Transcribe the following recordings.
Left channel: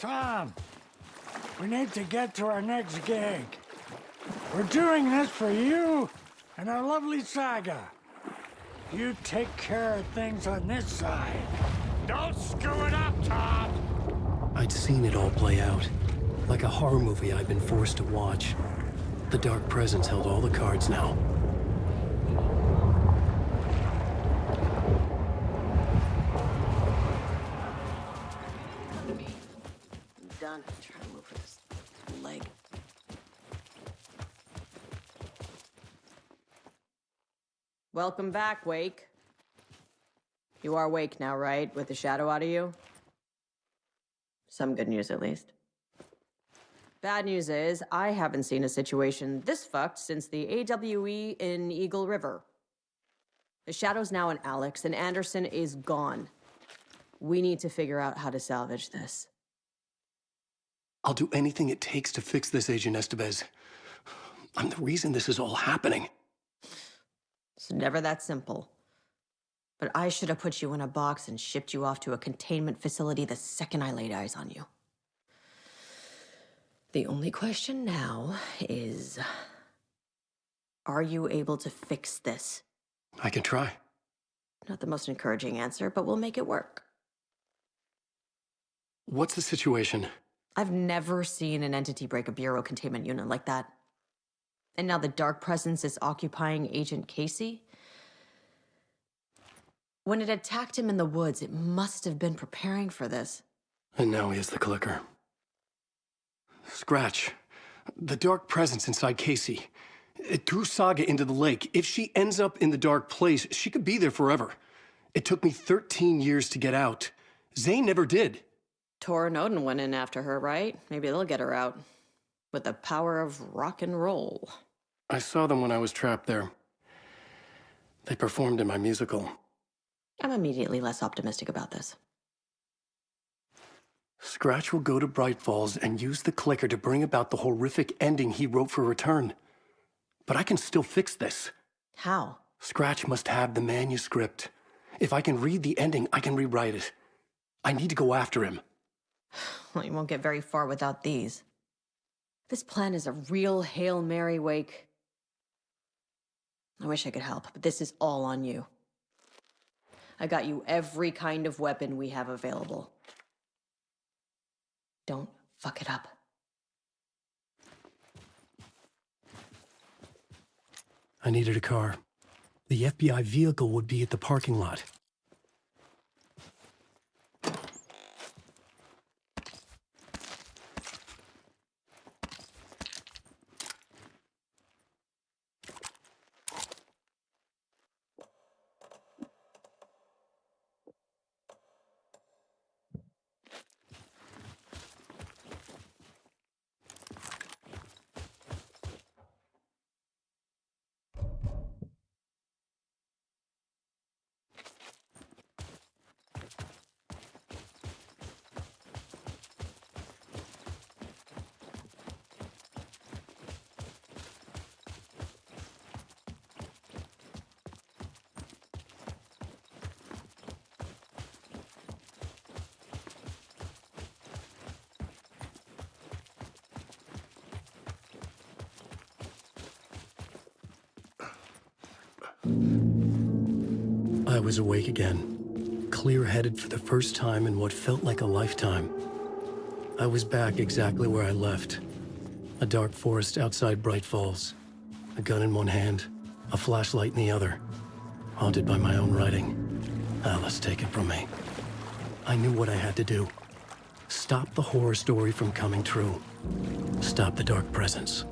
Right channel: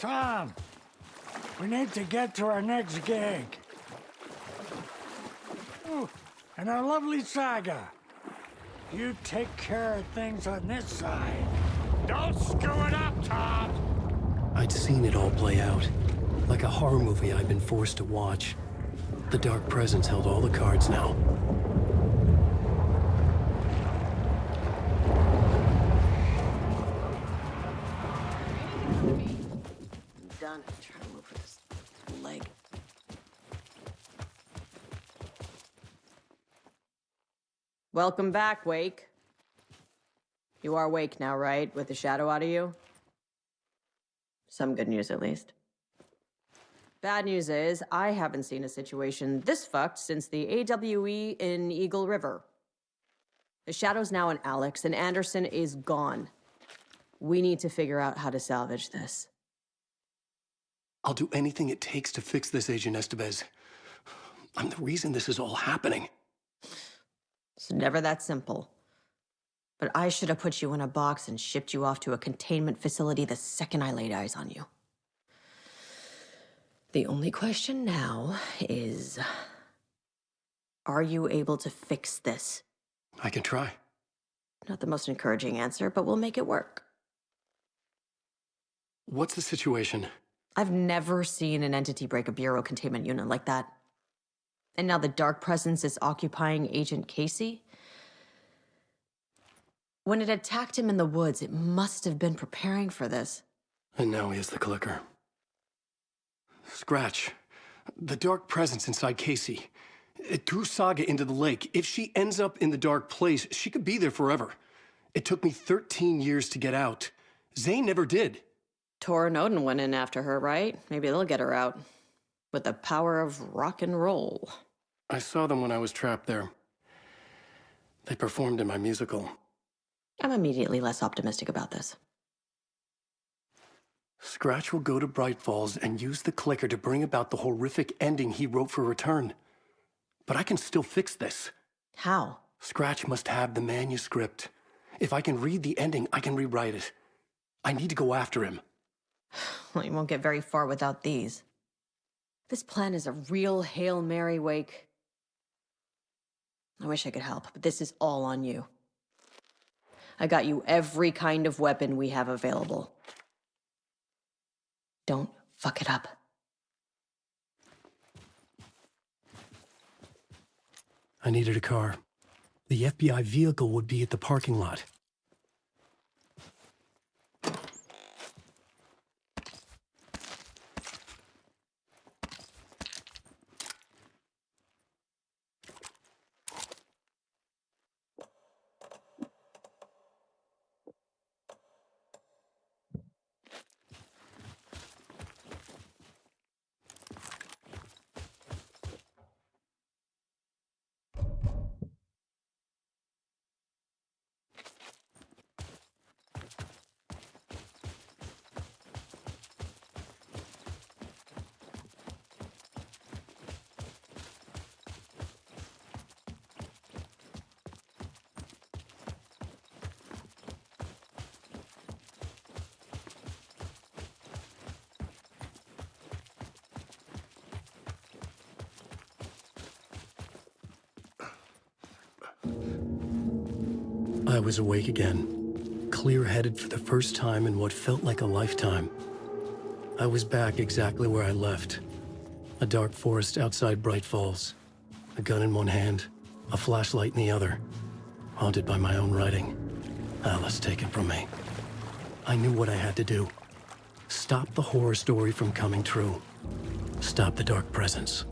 Tom, we need to get to our next gig. We're doing this for you and our lovely Saga. You take care of things on this side. Don't screw it up, Tom! I'd seen it all play out. Like a horror movie I'd been forced to watch. The Dark Presence held all the cards now. I'm done trying to move this leg. Welcome back, Wake. You are Wake now, right? With the shadow out of you? Some good news, at least. Bad news is, I haven't seen a situation this fucked since the AWE in Eagle River. The shadow's now in Alex, and Anderson is gone. We need to figure out how to salvage this. I'll do anything it takes to fix this, Agent Estevez. I'm the reason this is all happening. It's never that simple. But I should have put you in a box and shipped you off to a containment facility the second I laid eyes on you. The only question now is, are you able to fix this? I can try. Not the most encouraging answer, but we'll make it work. What's the situation? I've never seen an entity break a bureau containment unit like that. And now the Dark Presence is occupying Agent Casey? When it attacked him in the woods, it must have been preparing for this. And now he has the clicker. Scratch. The Dark Presence inside Casey. It threw Saga into the lake. If she ends up in the dark place, she could be there forever. It took me 13 years to get out. Zane never did. Tor and Odin went in after her, right? Maybe they'll get her out. With the power of rock and roll. I saw them when I was trapped there. They performed in my musical. I'm immediately less optimistic about this. Scratch will go to Bright Falls and use the clicker to bring about the horrific ending he wrote for Return. But I can still fix this. How? Scratch must have the manuscript. If I can read the ending, I can rewrite it. I need to go after him. Well, you won't get very far without these. This plan is a real Hail Mary, Wake. I wish I could help, but this is all on you. I got you every kind of weapon we have available. Don't fuck it up. I needed a car. The FBI vehicle would be at the parking lot. I was awake again, clear-headed for the first time in what felt like a lifetime. I was back exactly where I left. A dark forest outside Bright Falls. A gun in one hand, a flashlight in the other. Haunted by my own writing. Alice, take it from me. I knew what I had to do. Stop the horror story from coming true. Stop the Dark Presence.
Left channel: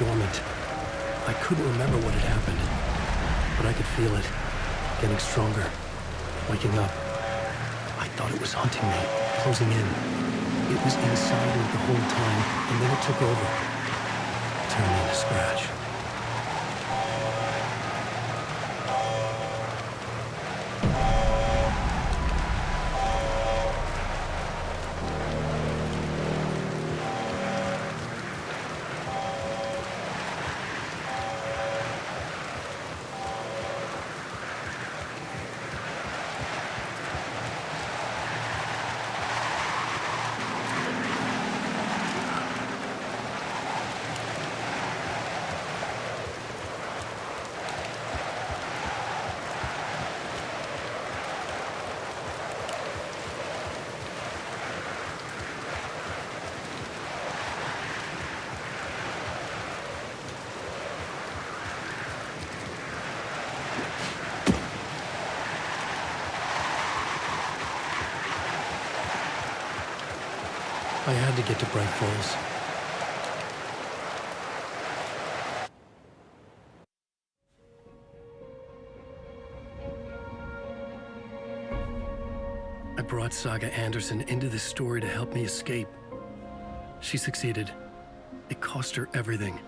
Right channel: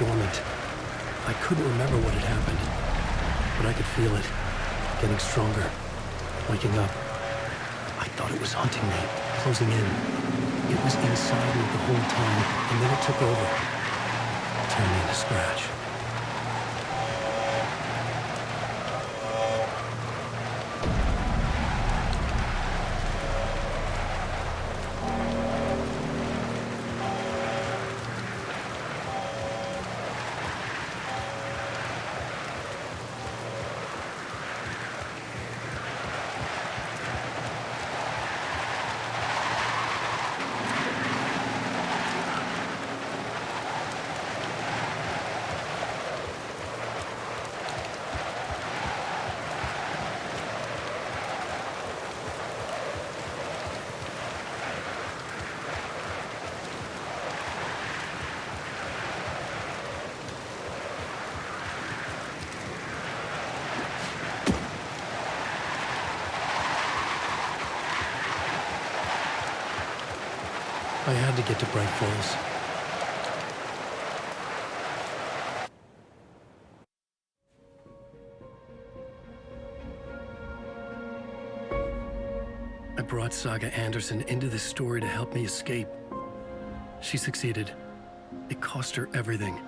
dormant. I couldn't remember what had happened, but I could feel it, getting stronger, waking up. I thought it was hunting me, closing in. It was inside me the whole time, and then it took over, turned me into scratch. I had to get to Bright Falls. I brought Saga Anderson into this story to help me escape. She succeeded. It cost her everything.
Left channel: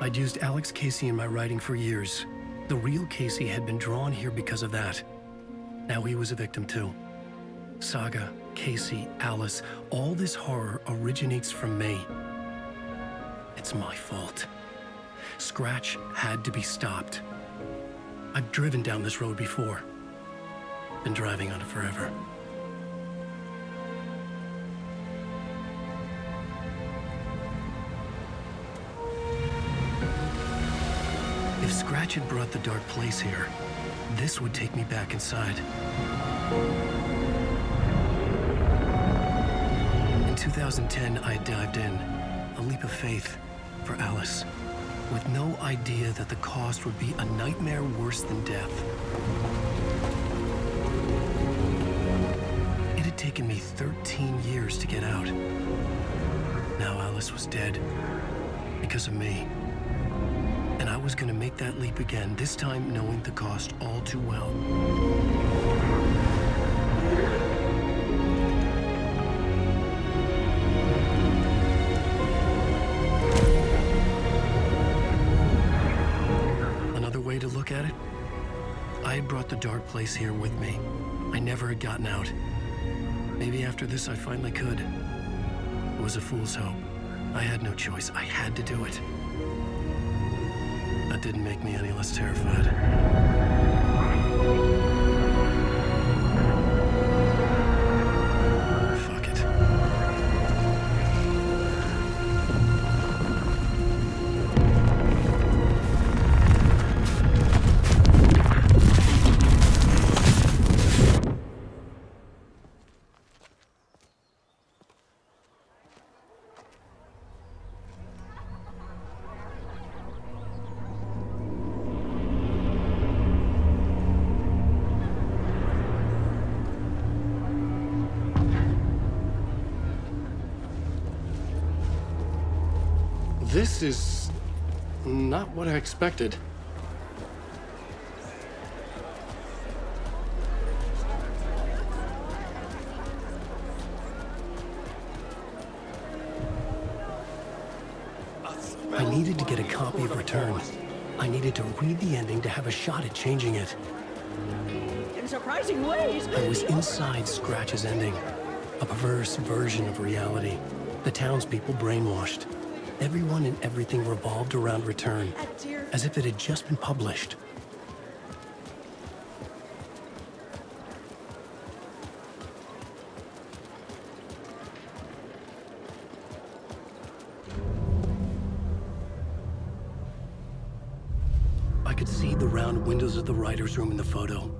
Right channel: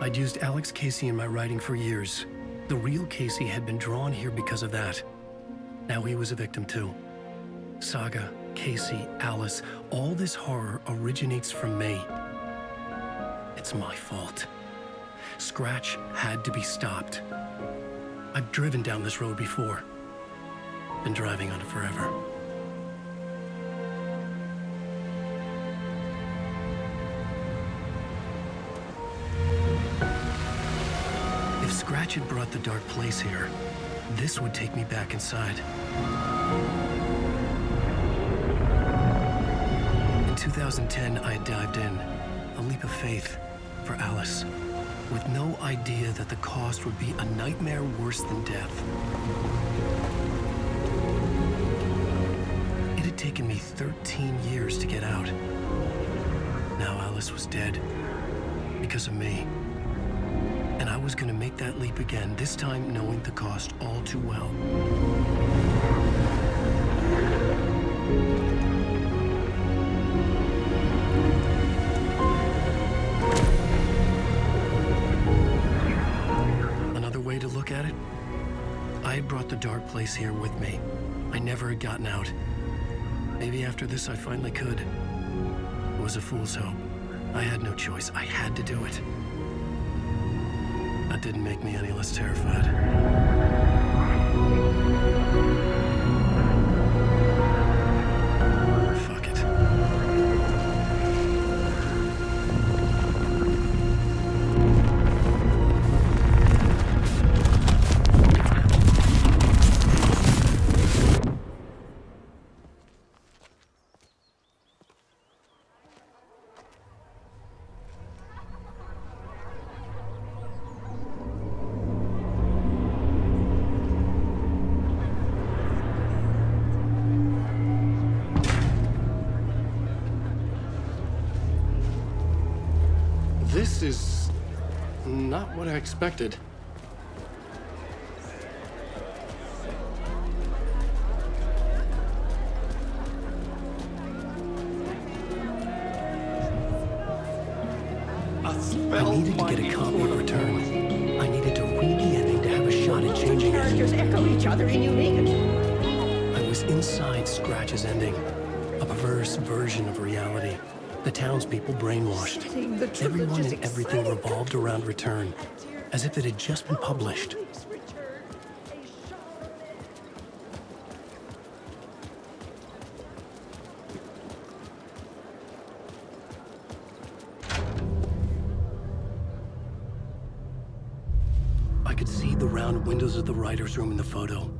I'd used Alex Casey in my writing for years. The real Casey had been drawn here because of that. Now he was a victim too. Saga, Casey, Alice, all this horror originates from me. It's my fault. Scratch had to be stopped. I've driven down this road before. Been driving on it forever. If Scratch had brought the dark place here, this would take me back inside. In 2010, I dived in, a leap of faith for Alice, with no idea that the cost would be a nightmare worse than death. It had taken me 13 years to get out. Now Alice was dead, because of me. And I was gonna make that leap again, this time knowing the cost all too well. Another way to look at it, I had brought the dark place here with me. I never had gotten out. Maybe after this I finally could. It was a fool's hope. I had no choice. I had to do it. That didn't make me any less terrified. Fuck it. This is not what I expected. I needed to get a copy of Return. I needed to read the ending to have a shot at changing it. I was inside Scratch's ending, a perverse version of reality. The townspeople brainwashed. Everyone and everything revolved around Return, as if it had just been published. I could see the round windows of the writer's room in the photo.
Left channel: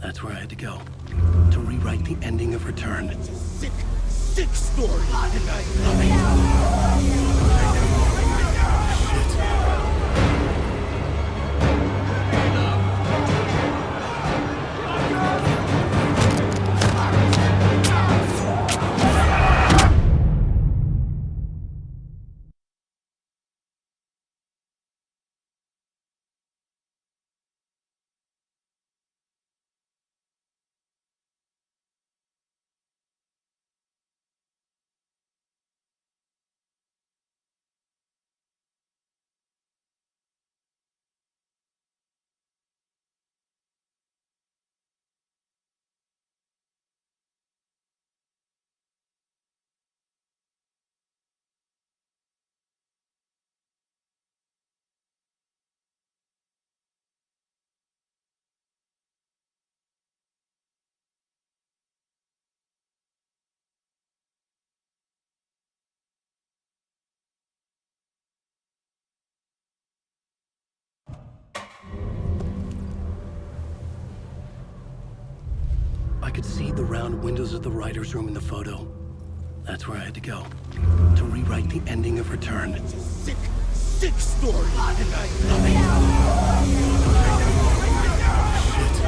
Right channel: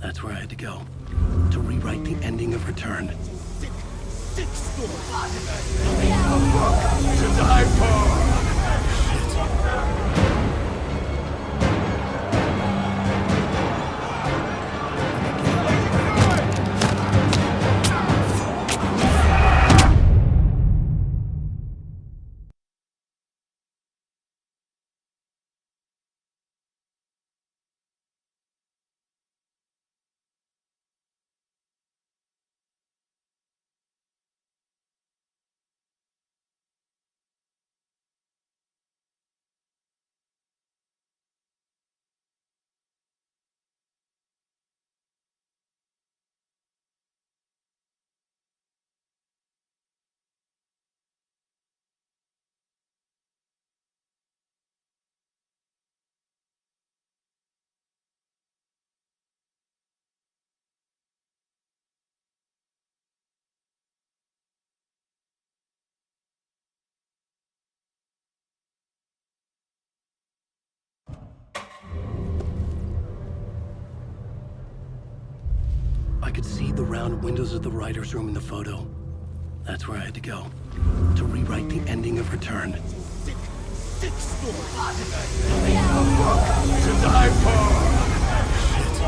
That's where I had to go, to rewrite the ending of Return. Sick story. I could see the round windows of the writer's room in the photo. That's where I had to go, to rewrite the ending of Return. Sick story. Shit.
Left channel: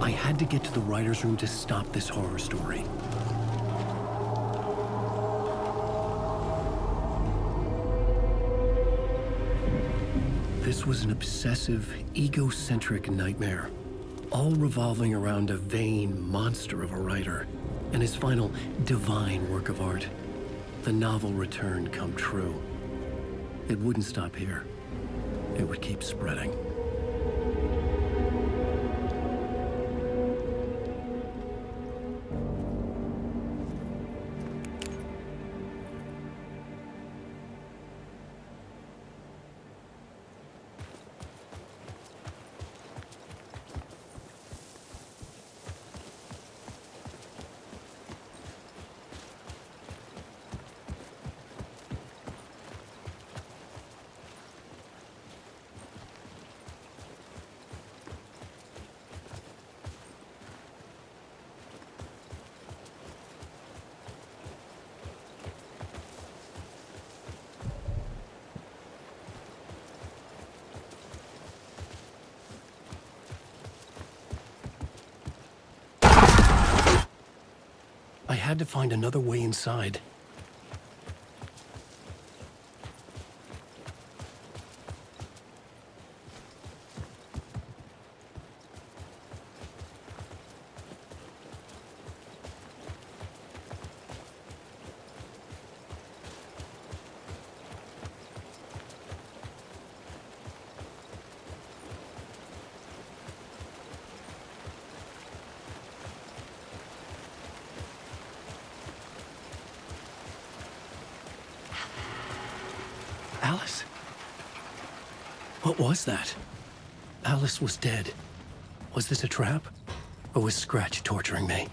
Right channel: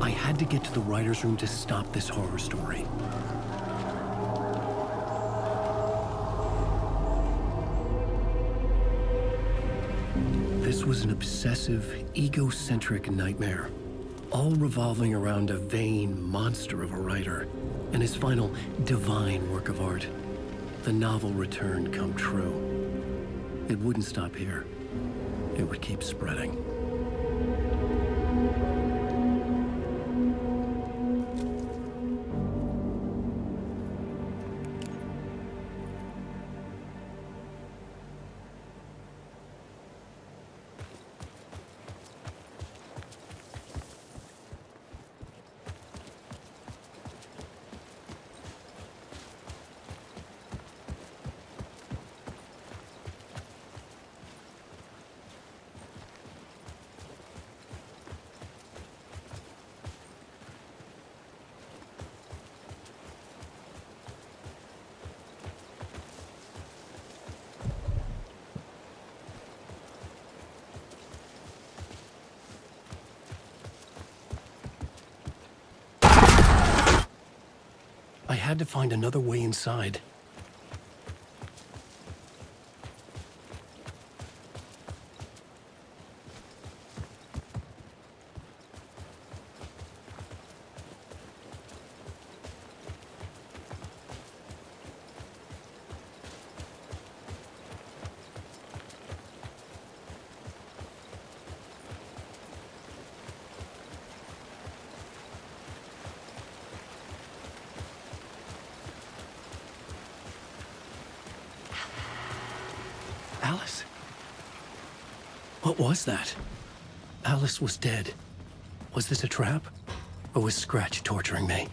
I had to get to the writer's room to stop this horror story. This was an obsessive, egocentric nightmare, all revolving around a vain monster of a writer and his final divine work of art, the novel return come true. It wouldn't stop here. It would keep spreading. I had to find another way inside. Alice? What was that? Alice was dead. Was this a trap? Or was Scratch torturing me?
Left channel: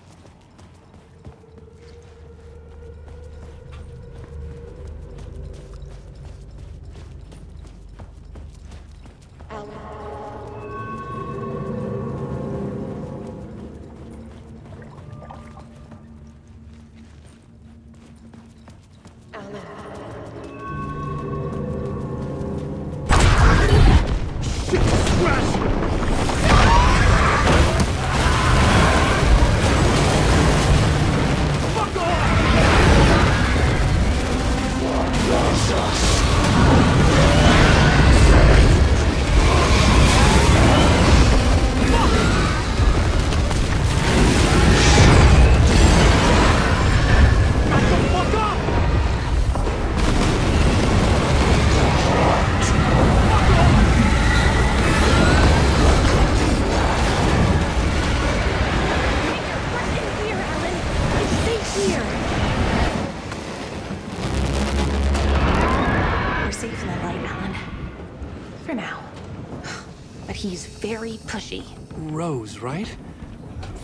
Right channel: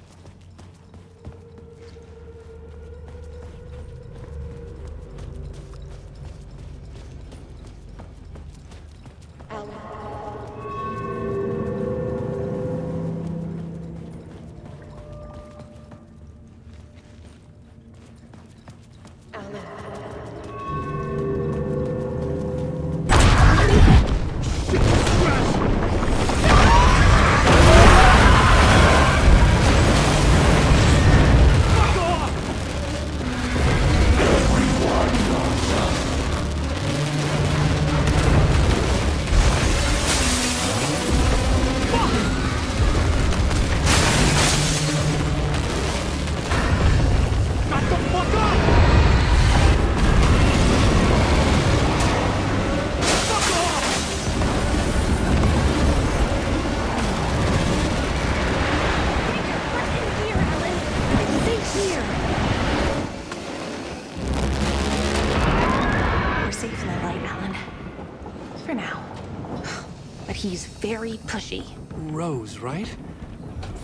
He's very pushy. Rose, right?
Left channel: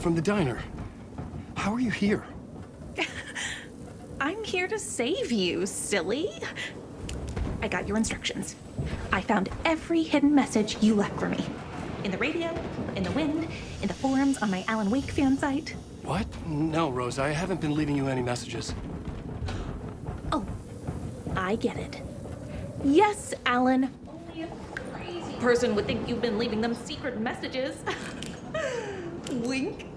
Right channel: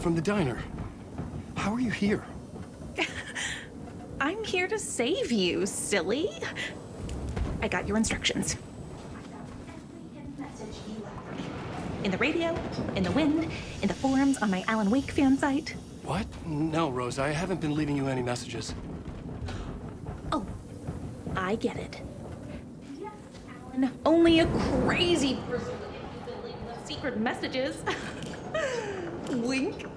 From the diner. How are you here? I'm here to save you, silly. I got your instructions. I found every hidden message you left for me. In the radio, in the wind, in the forums on my Alan Wake fan site. What? No, Rose, I haven't been leaving you any messages. Oh, I get it. Yes, Alan, only a crazy person would think you've been leaving them secret messages. Wink.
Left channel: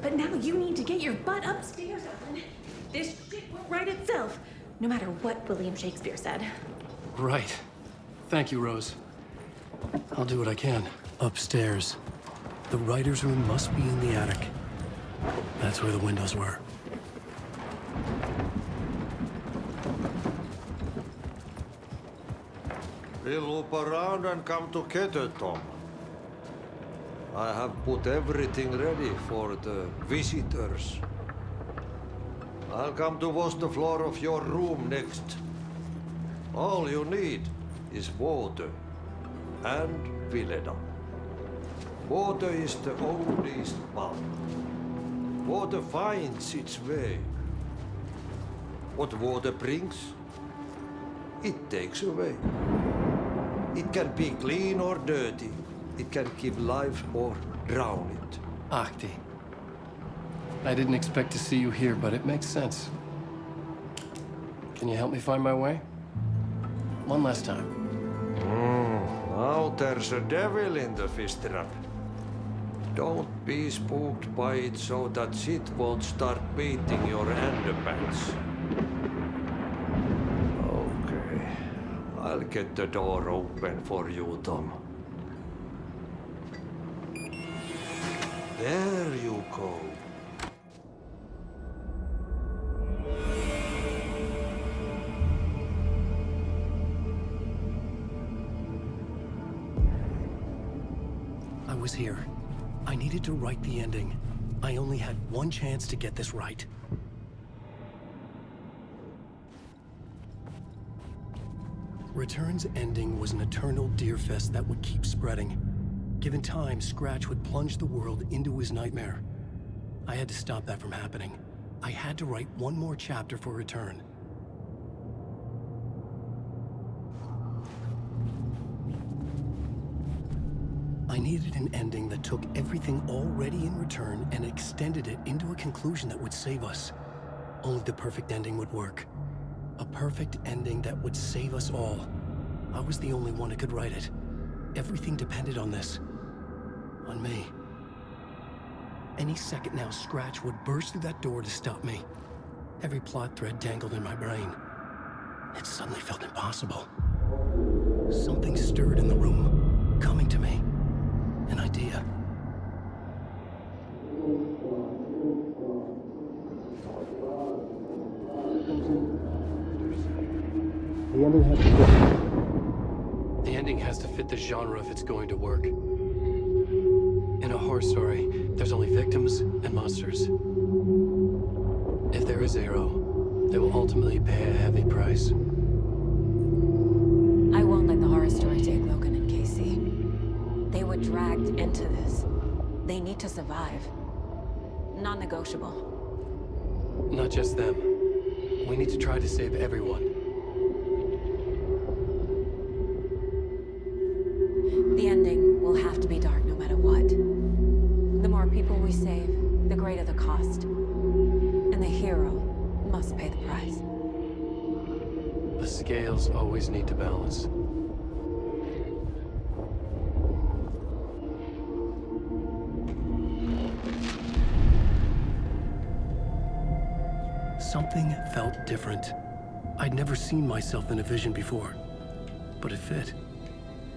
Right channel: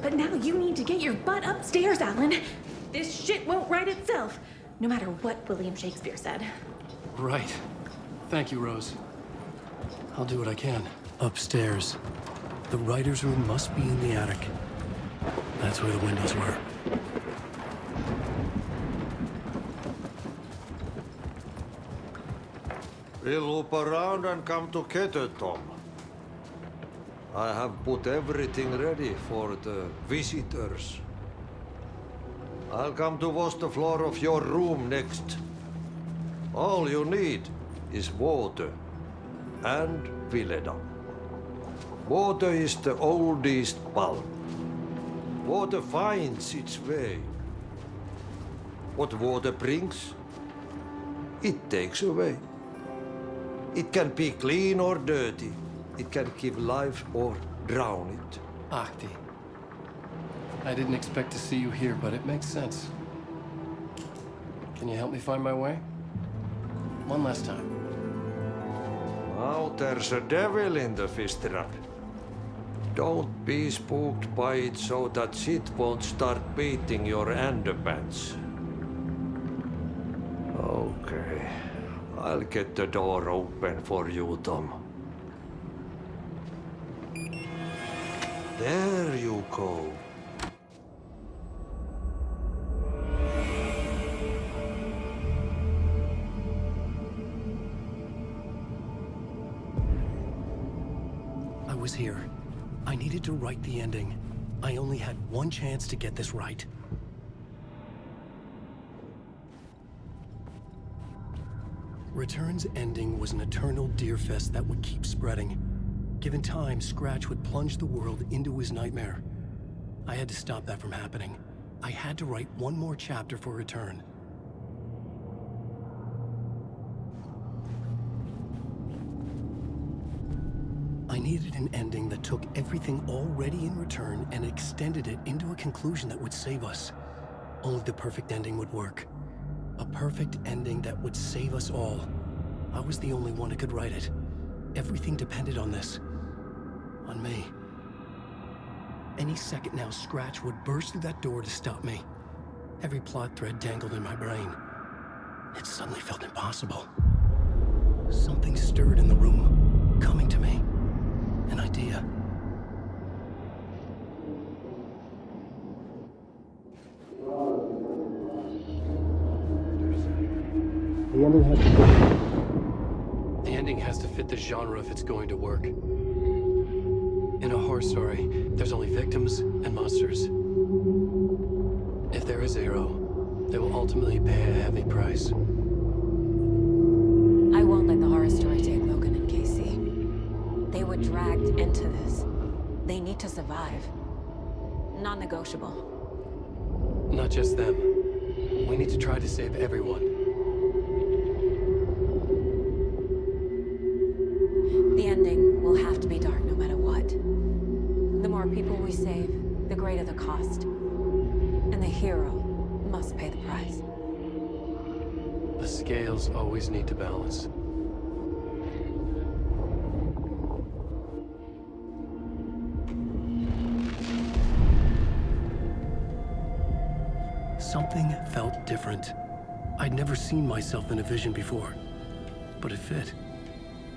But now you need to get your butt upstairs, Alan. This shit won't right itself, no matter what William Shakespeare said. Right. Thank you, Rose. I'll do what I can. Upstairs. The writer's room must be in the attic. That's where the windows were. We'll loop around and come to Keter, Tom. I have put everything ready for the visitors. I'll come to wash the floor of your room next. All you need is water and Vileda. Water is the oldest bulb. Water finds its way. What water brings, it takes away. It can be clean or dirty. It can give life or drown it. Ahti. I didn't expect to see you here, but it makes sense. Can you help me find my way? One last time. Now there's a devil in the fish trap. Don't be spooked by it so that shit won't start beating your underpants. Okay. I'll get the door open for you, Tom. There you go. I was here. I needed to write the ending. I only had one chance to get this right. Return's ending was an eternal Deerfest that would keep spreading. Given time, Scratch would plunge the world into his nightmare. I had to stop that from happening. I had to write one more chapter for Return. I needed an ending that took everything already in Return and extended it into a conclusion that would save us. Only the perfect ending would work. A perfect ending that would save us all. I was the only one who could write it. Everything depended on this. On me. Any second now, Scratch would burst through that door to stop me. Every plot thread dangled in my brain. It suddenly felt impossible. Something stirred in the room, coming to me. An idea. The ending has to fit the genre if it's going to work. In a horror story, there's only victims and monsters. If there is a hero, they will ultimately pay a heavy price. I won't let the horror story take Logan and Casey. They were dragged into this. They need to survive. Non-negotiable. Not just them. We need to try to save everyone. The ending will have to be dark no matter what. The more people we save, the greater the cost. And the hero must pay the price. The scales always need to balance. Something felt different. I'd never seen myself in a vision before, but it fit.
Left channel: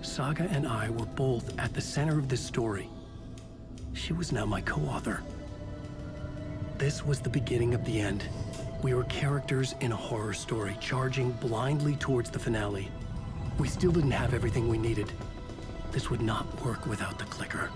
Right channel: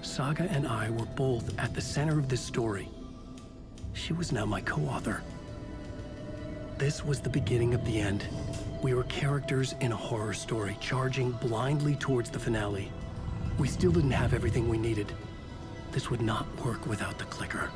Saga and I were both at the center of this story. She was now my co-author. This was the beginning of the end. We were characters in a horror story, charging blindly towards the finale. We still didn't have everything we needed. This would not work without the clicker.